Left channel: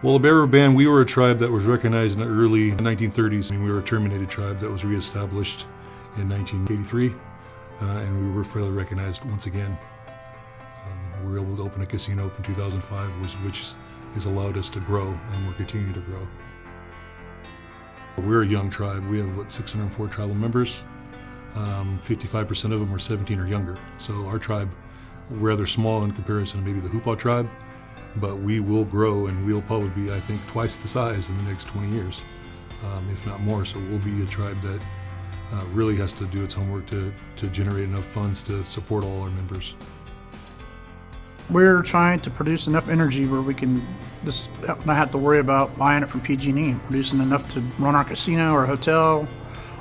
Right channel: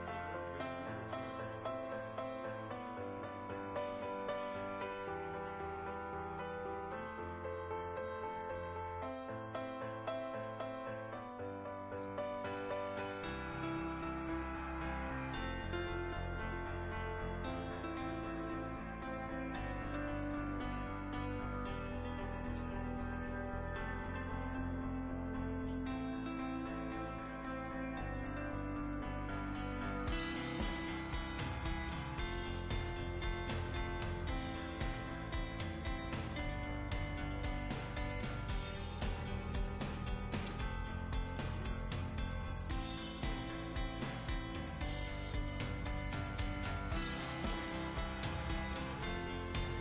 Well, the Bear River Band, we were a tribe that was recognized in the early 1930s. We were a terminated tribe that was reestablished in 1983, and we were fairly recognized once again. We were able to open a casino up in 2005, which has allowed us to grow, and we're continuing to grow. We're a young tribe. We have, 604 tribal members. 55% of them are 17 or younger. So our tribe, we're rather small in comparison to maybe the Hupa tribe, but we will grow, and we'll probably be, I think, twice the size in the next 20 years, if not more. So we'll be a tribe that really has to do its homework to generate enough funds to support all our members. We're trying to produce enough energy where we can just not have to worry about buying it from PG&E, producing enough to run our casino, our hotel,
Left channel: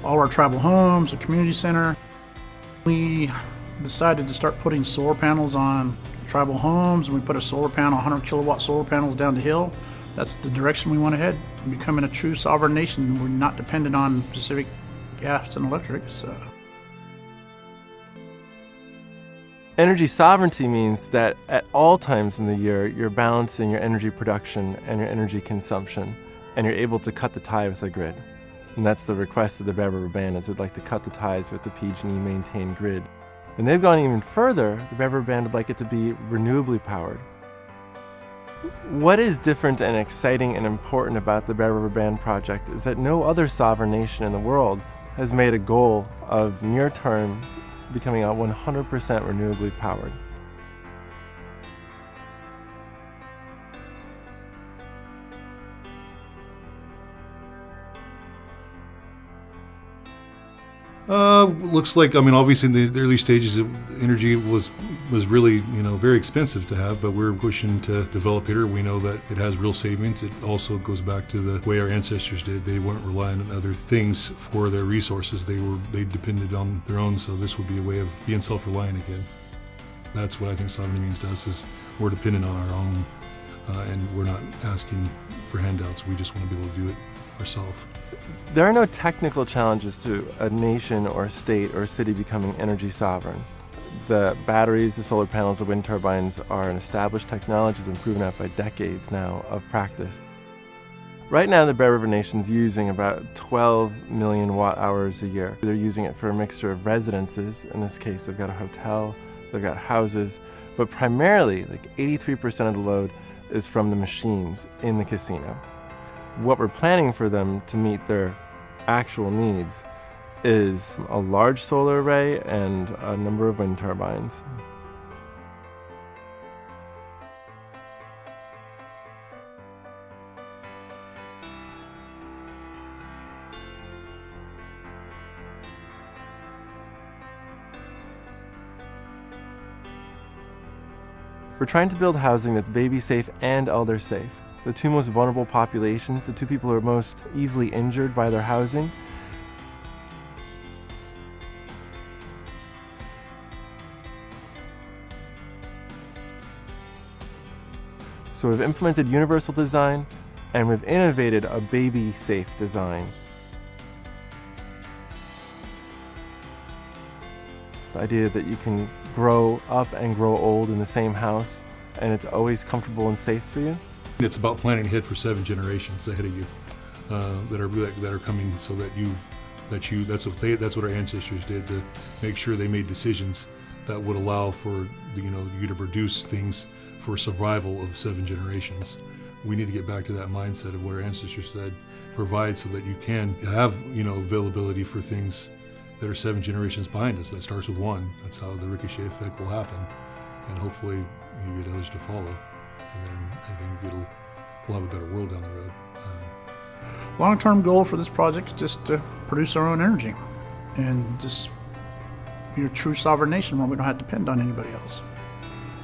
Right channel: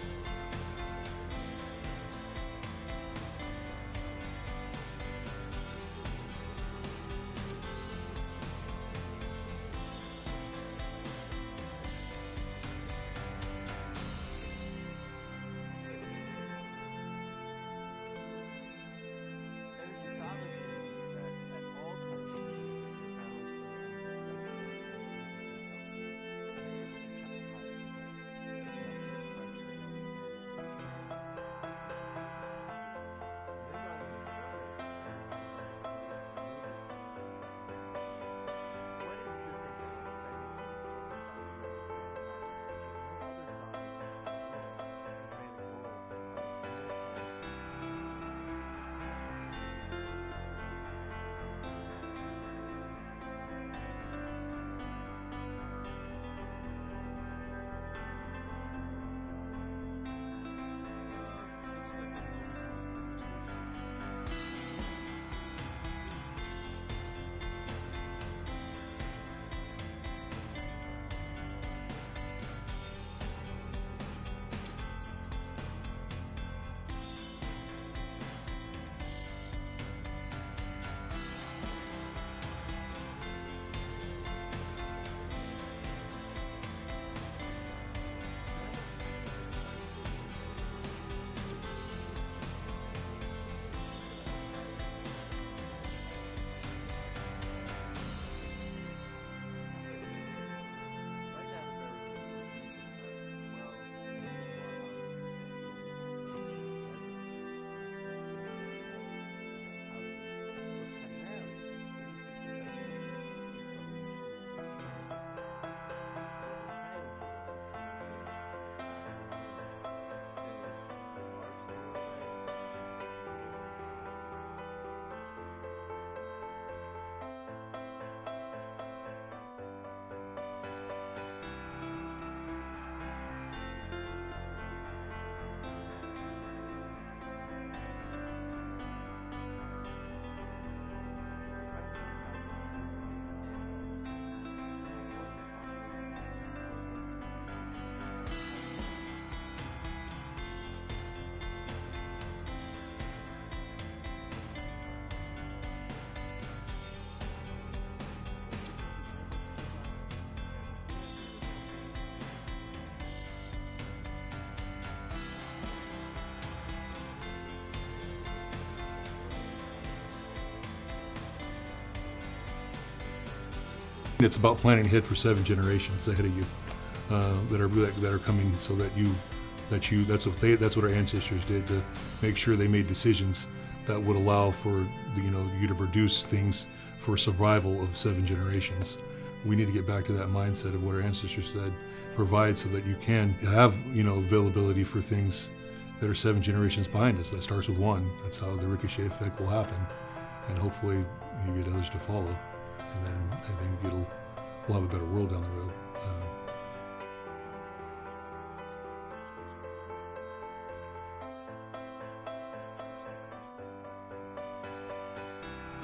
all our tribal homes, a community center. We decided to start putting solar panels on tribal homes, and we put a solar panel, 100 kilowatt solar panels down the hill. That's the direction we want to head, becoming a true sovereign nation. We're not dependent on Pacific gas and electric. So. Energy sovereignty means that at all times in the year, you're balancing your energy production and your energy consumption, and you're able to cut the tie with the grid. And that's the request of the Bear River Band, is they'd like to cut the ties with the PG&E maintained grid. And they've gone even further. The Bear River Band would like it to be renewably powered. What is different and exciting and important about the Bear River Band project is that no other sovereign nation in the world has made a goal of near-term becoming 100% renewably powered. Looks like, obviously in the early stages of energy was really, very expensive to have, but we're pushing to develop here. We know that it has real savings. It also goes back to the way our ancestors did. They weren't relying on other things for their resources. They depended on their own, so this would be a way of being self-reliant again. That's what I think sovereignty means to us, is we're dependent on our own, and we're not asking for handouts. We just want to be able to do it ourselves. There are no technical challenges to a nation or a state or a city becoming energy sovereign. The batteries, the solar panels, the wind turbines are an established technology that's been proven out by decades now of practice. Right now, the Bear River Nation's using about 12 million watt hours a year. They're using it for a mixture of residences. In this case, they've got a hotel, they've got houses, but primarily, like 83% of the load is from the machines in the casino. What we're planning for them to meet their actual needs is a large solar array and a number of wind turbines. We're trying to build housing that's baby safe and elder safe. The two most vulnerable populations, the two people who are most easily injured by their housing. So we've implemented universal design, and we've innovated a baby-safe design. The idea that you can grow up and grow old in the same house, and it's always comfortable and safe for you. It's about planning ahead for 7 generations ahead of you that are coming, so that's what our ancestors did, to make sure they made decisions that would allow for you to produce things for survival of 7 generations. We need to get back to that mindset of what our ancestors said, provide so that you can have availability for things that are 7 generations behind us. That starts with 1. That's how the ricochet effect will happen, and hopefully you get others to follow. And then I think we'll have a better world down the road. Long-term goal for this project is just to produce our own energy and just be a true sovereign nation where we don't have to depend on anybody else.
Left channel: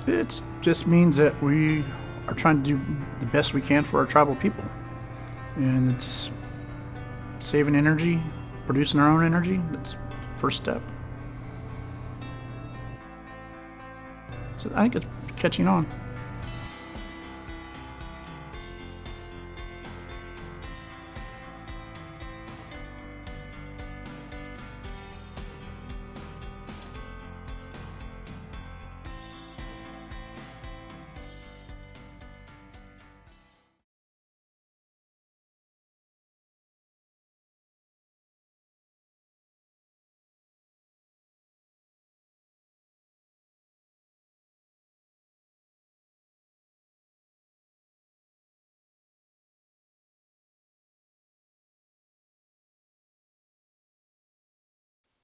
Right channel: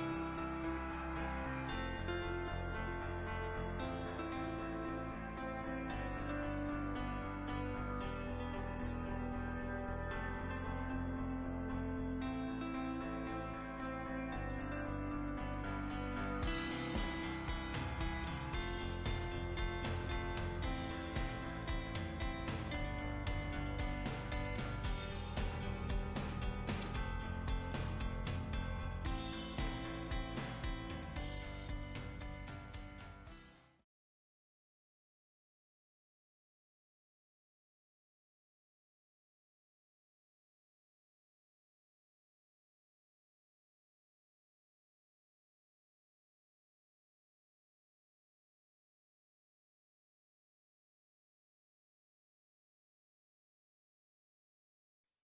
It just means that we are trying to do the best we can for our tribal people. And it's saving energy, producing our own energy. That's the first step. So I think it's catching on.